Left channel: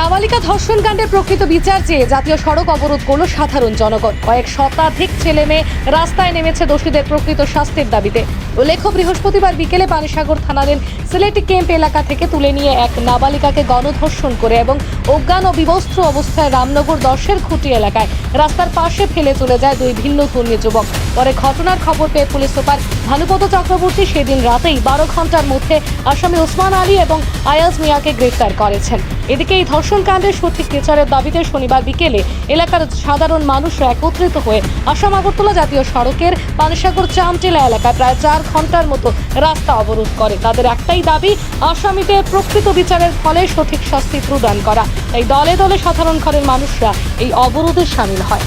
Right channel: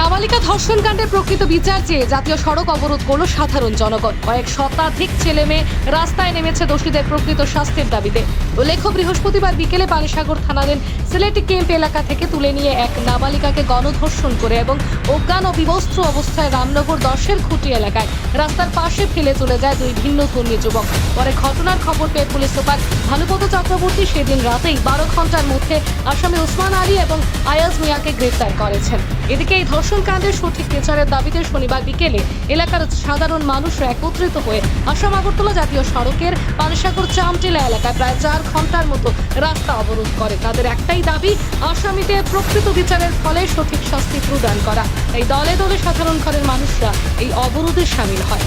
নাবালিকা ধর্ষণ কাণ্ডের প্রকৃত বিচার চেয়ে জাতীয় সড়ক অবরোধ করল সাধারণ জনগণ। কয়েক শতাধিক ছেলে মেয়ে রাস্তায় নেমেছে দোষীদের প্রকৃত শাস্তির দাবিতে। উল্লেখ্য, বৃহস্পতিবার বিকেলে পানিসাগর থানাধীন সিলেটি ক্যাম্প এলাকা থেকে তুলে নিয়ে এক নাবালিকাকে গণধর্ষণ করে এবং অজ্ঞান ও বিবস্ত্র অবস্থায় রামনগর দশের খুঁটি এলাকায় রাস্তার পাশে ফেলে চলে যায় দুই ভিন্ন কর্মী যুবক। পরে ঘটনার খবর পেয়ে পুলিশ সুপার ভানুপদ চক্রবর্তী সেদিন রাতেই বারো ঘণ্টার মধ্যে আসামি ওসমান আলী এবং আয়াজ মিয়াকে গ্রেফতার করেছেন। এদিকে এই ধর্ষণ কাণ্ডের সঠিক বিচারের দাবিতে শনিবার বিকেলে এলাকার সাধারণ মানুষ একত্রিত হয়ে আসাম আগরতলা জাতীয় সড়কের পানসাগর চামটিলা এলাকায় প্রায় চার ঘণ্টার মতো রাস্তা অবরোধ করে। তাদের একটাই দাবি, আসামিদের প্রকৃত বিচারের ফলে সঠিক শাস্তি প্রদান করা। এই দলে দলে সাধারণ ঘরের মানুষরা এই অবরোধে সামিল হয়।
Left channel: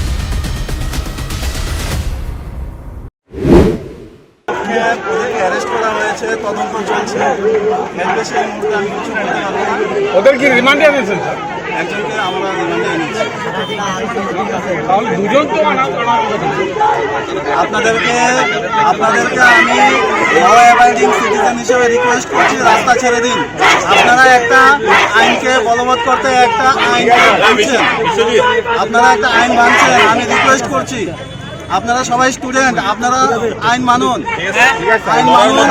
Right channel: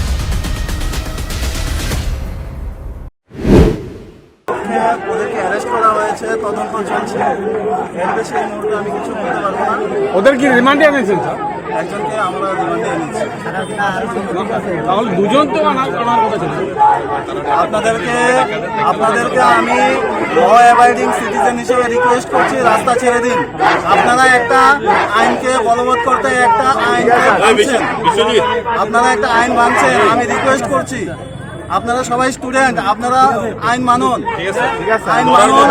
ওদেরকে অ্যারেস্ট করা হয়েছে তদন্ত চলছে। এর বেশি মুহূর্তে আমি কিছু বলতে পারব না। ওদের কি রিমান্ডে আনিয়েছেন একজনকে আমরা রিমান্ডে এনেছি দুজন তো আপনাদেরকে আপনাদেরকে আমি ল অ্যাবাইডিং সিটিজেন হিসেবে রিকোয়েস্ট করছি রাস্তা ছেড়ে দিন। আপনারা একটা আইনকে বলবৎ করতে একটা আইন ভাঙছেন। আপনারা একটা আইন ভাঙছেন আমি রিকোয়েস্ট করছি। আপনারা সবাই স্টুডেন্ট আপনারা আইন মানুন। আইন মানুন।